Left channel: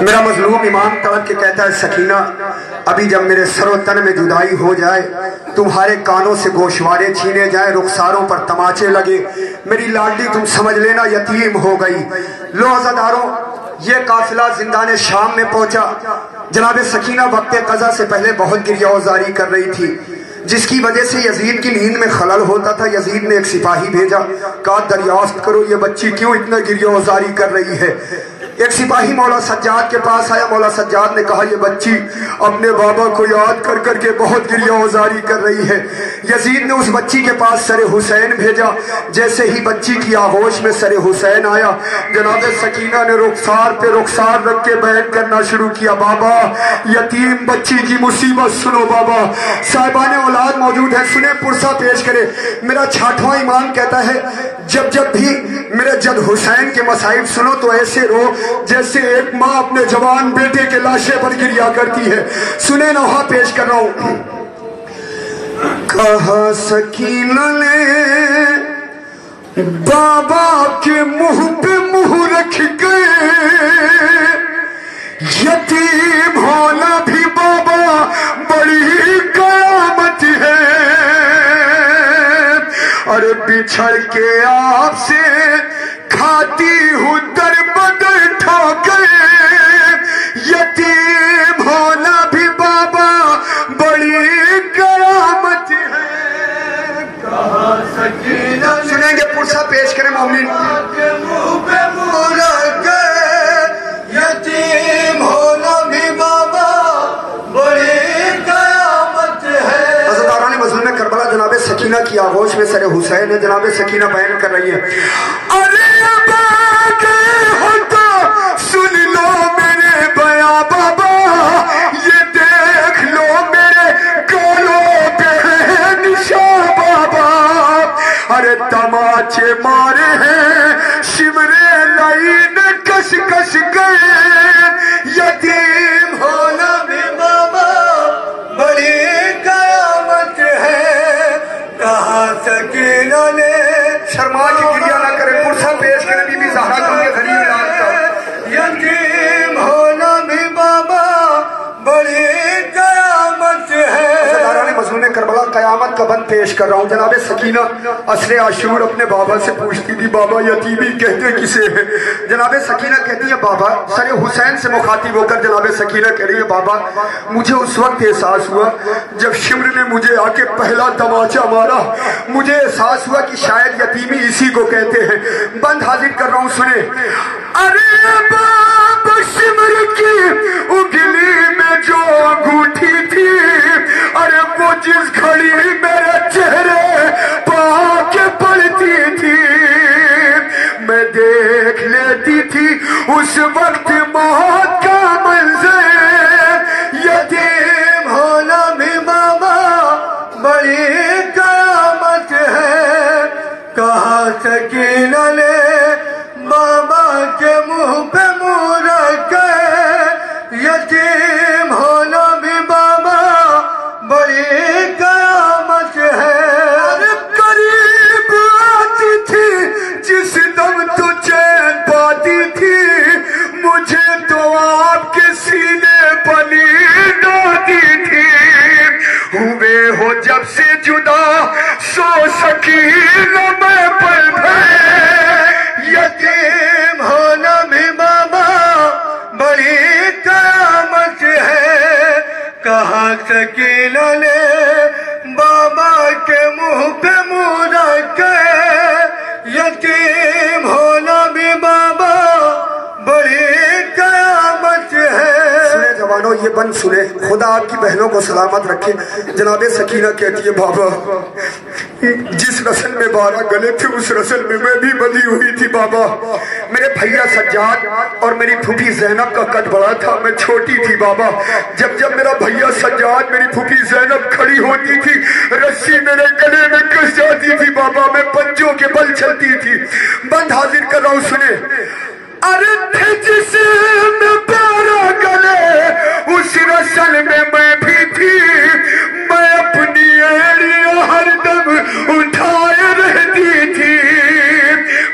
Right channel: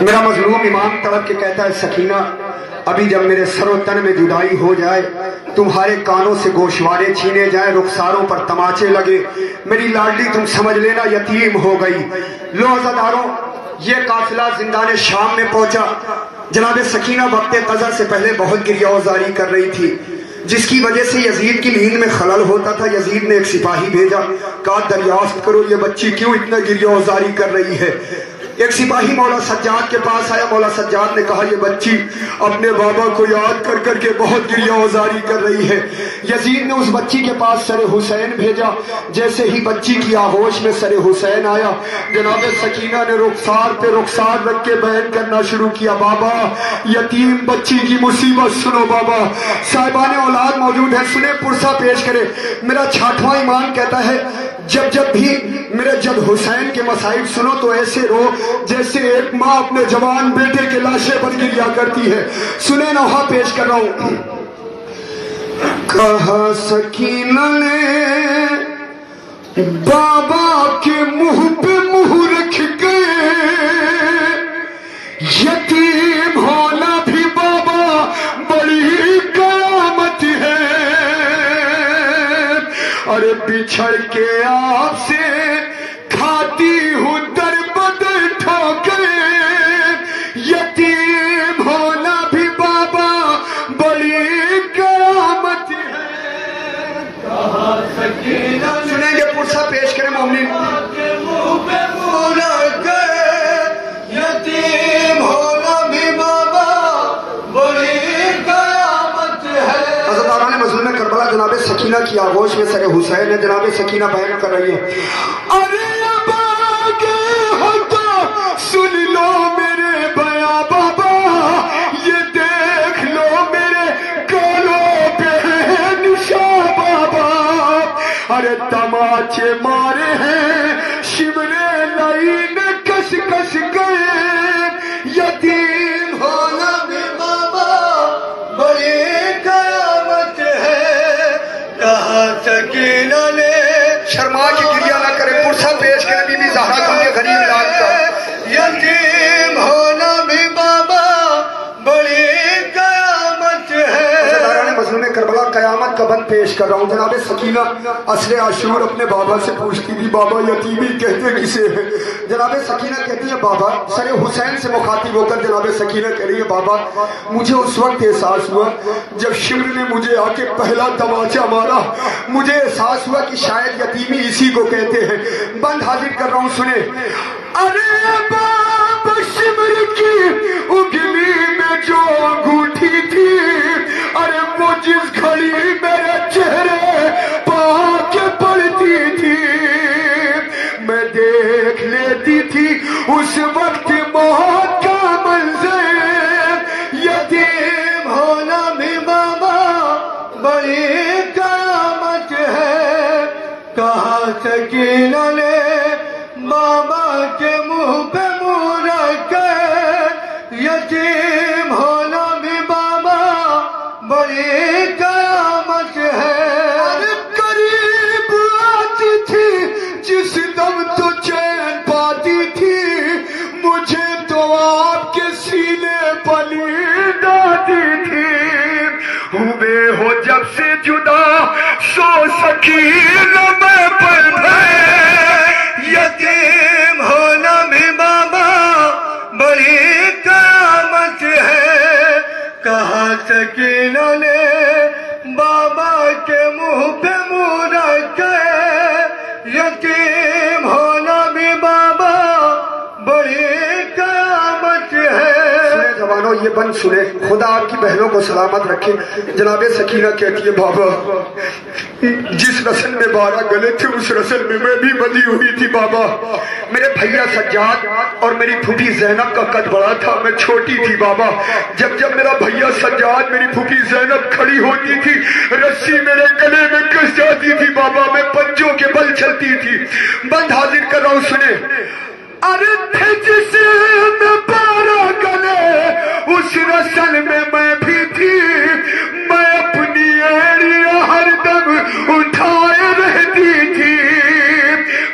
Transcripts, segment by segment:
میرا مظلوم امام تڑپ کے کہتا ہے سکینہ ابھی جب میرے سر و تن میں جدائی ہو جائے، تمہارے کانوں سے گوشوارے چھینے جائیں، رخساروں پر تماچے لگے، میری لاڈلی تم سمجھ لینا یتیم ہو گئی۔ لو عزاداروں، یہ قافلہ زندان شام میں پہنچا۔ جناب سکینہ وقت قضا سے پہلے بہت گریہ وزاری کر رہی تھی، جس کی وجہ سے یزید کی نیند میں خلل ہوتا تھا۔ یزید نے ایک سپاہی بھیجا، کہا دریافت کرو یہ بچی کیوں اتنا گریہ وزاری کر رہی ہے۔ ایک سپاہی مولا سجاد کے پاس آیا، مولا سجاد نے کہا یہ بچی اپنے بابا کو یاد کر کر کے بہت گریہ وزاری کر رہی ہے۔ یزید نے اس بچی کے پاس سر حسین بھیجا، جیسے ہی بچی کی آغوش میں سر حسین آیا، جناب سکینہ نے رخسار پہ رخسار رکھ کے بیان کرنا شروع کیا، بابا یتیم بچی کی مصیبت سنو بابا، صاحبان اولاد موجود ہیں، سنیں پرسہ پیش کرے۔ میرا چھاٹواں امام کہتا ہے جب بھی میرے جد حسین کے مصائب سنو تو ایسے رو جیسے ایک ماں اپنے جوان بیٹے کے لاشے پر گریہ کرتی ہے۔ سنیں نوحہ پیش کر رہا ہوں۔ کہا سکینہ نے بابا کے منہ پہ منہ رکھ گئے، یتیم ہونا بھی بابا بڑی قیامت ہے، ارے بچھڑ کے آپ سے کھاتی ہوں در بدر ٹھوکر، یتیم ہونا بھی بابا بڑی قیامت ہے۔ کہا سکینہ سنیں گے پرسہ پیش کریں مومنین۔ منہ پہ منہ رکھ گئے، یتیم ہونا بھی بابا بڑی قیامت ہے۔ عزاداران مظلوم کربلا جناب سکینہ کی آغوش میں سر حسین ہے، جناب سکینہ بیان کر رہی ہے، ارے اب آگے ہو تو سن لو میرے بیاں بابا، یہ دیکھ لو میرے گالوں پہ ہے نشاں بابا، ارے تماچے مارے ہیں شمرے لائن کش کش گئے، یتیم ہونا بھی بابا بڑی قیامت ہے۔ کہا سکینہ نے شرما کی گریہ نہ کرے، پرسہ پیش کرے بی بی زہرا کا کے غریب لال کا، یتیم ہونا بھی بابا بڑی قیامت ہے۔ عزاداران مظلوم کربلا قیامت کا بند پیش کر رہا ہوں۔ جناب سکینہ عصر عاشور اپنے بابا سے پوچھتی تھی بابا یتیمی کہتے کسے ہیں؟ جناب سکینہ کہتی ہے بابا، سر حسین سے مخاطب ہو کر جناب سکینہ کہہ رہی ہے بابا مجھے اس وقت احساس ہوا جب شمر نے مجھے آ کے پہلا تماچا مارا، مجھے احساس ہوا کہ شاید یتیمی اسی کو کہتے ہیں۔ بند حاضر کر رہا ہوں، سنیں، ارے بابا شمر کی اگلی میں جو انگوٹھی تھی، ارے وہ جس گھڑی میرے چہرے پا کے پڑتی تھی، میں دیکھ لیتی تھی اس وقت موت کا منظر، یتیم ہونا بھی بابا بڑی قیامت ہے۔ کہا سکینہ نے بابا کے منہ پہ منہ رکھ کے، یتیم ہونا بھی بابا بڑی قیامت ہے۔ ارے قریب آتی تھی جس دم تو چین پاتی تھی، مجھے تو آپ کے سینے پر نیند آتی تھی، ہوئے ہو جب سے جدا سو سکینہ میں پل گئے، یتیم ہونا بھی بابا بڑی قیامت ہے۔ کہا سکینہ نے بابا کے منہ پہ منہ رکھ کے، یتیم ہونا بھی بابا بڑی قیامت ہے۔ سنیں جوانوں، یہ بند سنیں، خدا آپ کی بہنوں کو سلامت رکھے۔ جناب سکینہ کہتی ہے بابا جس رسل میں 12 گلے تھے اس رسل میں بھی بندھی ہوئی تھی بابا، میرے بھیا سجاد اور میری پھوپھی زینب کا قد بڑا تھا، میں چھوٹی تھی بابا، جب میرا بھیا سجاد میری پھوپھی زینب کھڑی ہوتی تھی رسی میرے گلے میں کس جاتی تھی بابا، میں پنجوں کے بل چلتی تھی۔ بند حاضر کر رہا ہوں، سنیں، ارے تھے جسے میں 12 گلے اس رسل میں بھی تھی، میں اپنی ایڑیاں ہر دم اٹھائے رہتی تھی،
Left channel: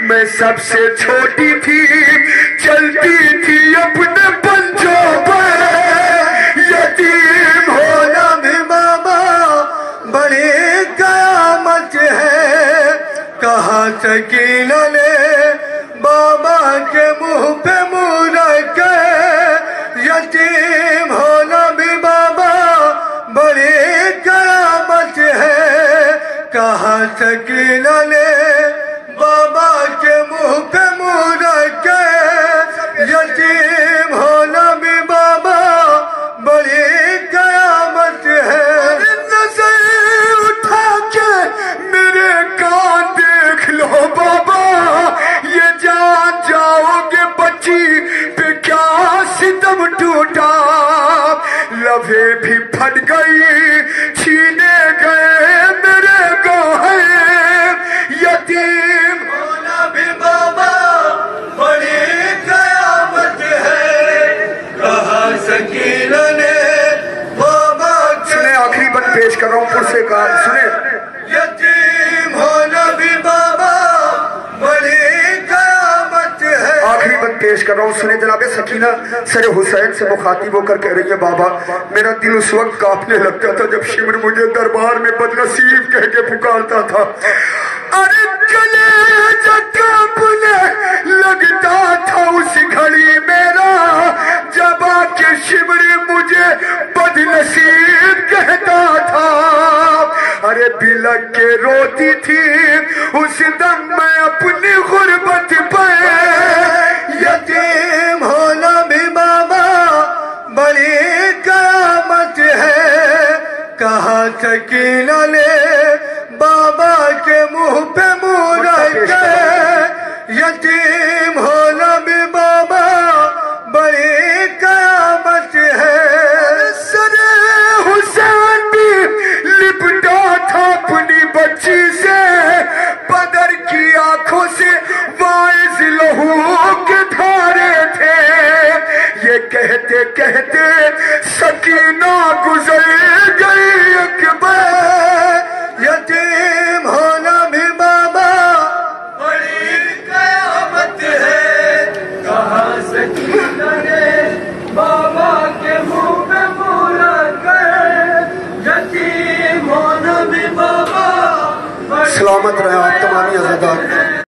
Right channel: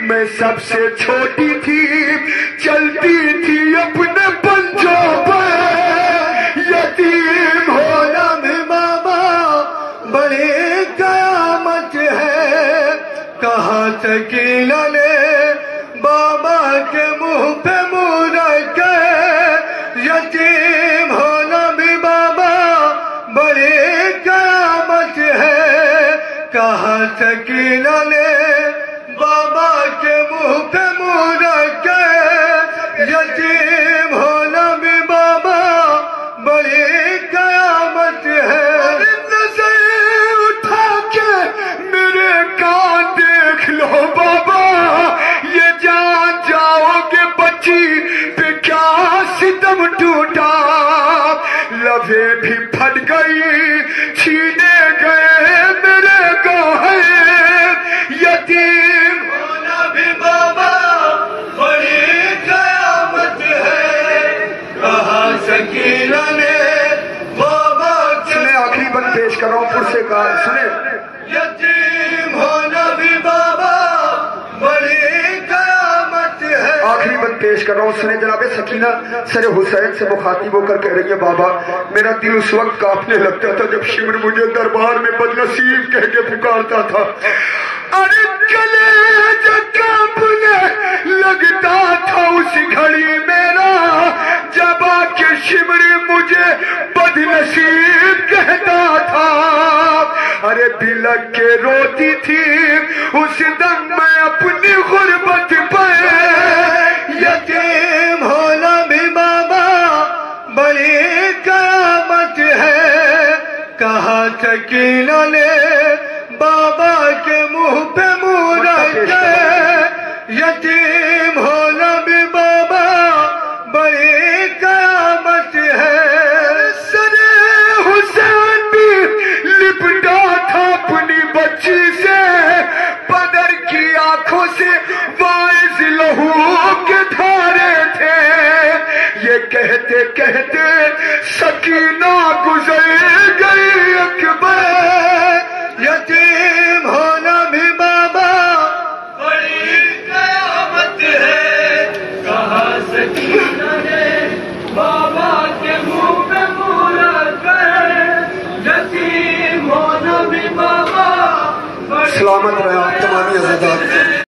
میں سب سے چھوٹی تھی، چلتی تھی اپنے پنجوں سکینہ نے بابا کے منہ پہ منہ رکھ کے یتیم ہونا بھی بابا بڑی قیامت ہے نظر اٹھا کے میرے کان دیکھ لو بابا یہ جان جاؤ گے بچی پہ کیا ستم ٹوٹا لبیں بھی پھٹ گئی چھینے گئے میرے گوہر یتیم ہونا بھی بابا بڑی قیامت ہے کہا سکینہ نے بابا سنیں آخری بند پیش کر رہا ہوں پھر سے کہا سنیں یتیم ہونا بھی بابا بڑی قیامت ہے آخری بند پیش کر رہا ہوں سنیں جناب سکینہ سر حسین سے مخاطب ہو کر کہہ رہی ہے بابا میرا دل اس وقت کانپنے لگتا تھا جب شمر مجھے دربار میں بدنصیب کہہ کے پکارتا تھا ارے کلیجہ کانپنے لگتا تھا اس گھڑی میرا جب آ کے شمر مجھے بدنصیب کہتا تھا ارے بلک کے روتی تھی اس دم میں اپنی غربت پہ یتیم ہونا بھی بابا بڑی قیامت ہے کہا سکینہ نے بابا کے منہ پہ منہ رکھ کے یتیم ہونا بھی بابا بڑی قیامت ہے سر حسین بھی لپٹا تھا اپنی بچی سے بدر کی آنکھوں سے وائز لہو کے دھارے تھے یہ کہتے کہتے سکینہ گزر گئی اکبر یتیم ہونا بھی بابا بڑی قیامت ہے کہا سکینہ نے بابا کے منہ پہ منہ رکھ کے یتیم ہونا بھی بابا سلامت رہے آپ تمامی عزیزات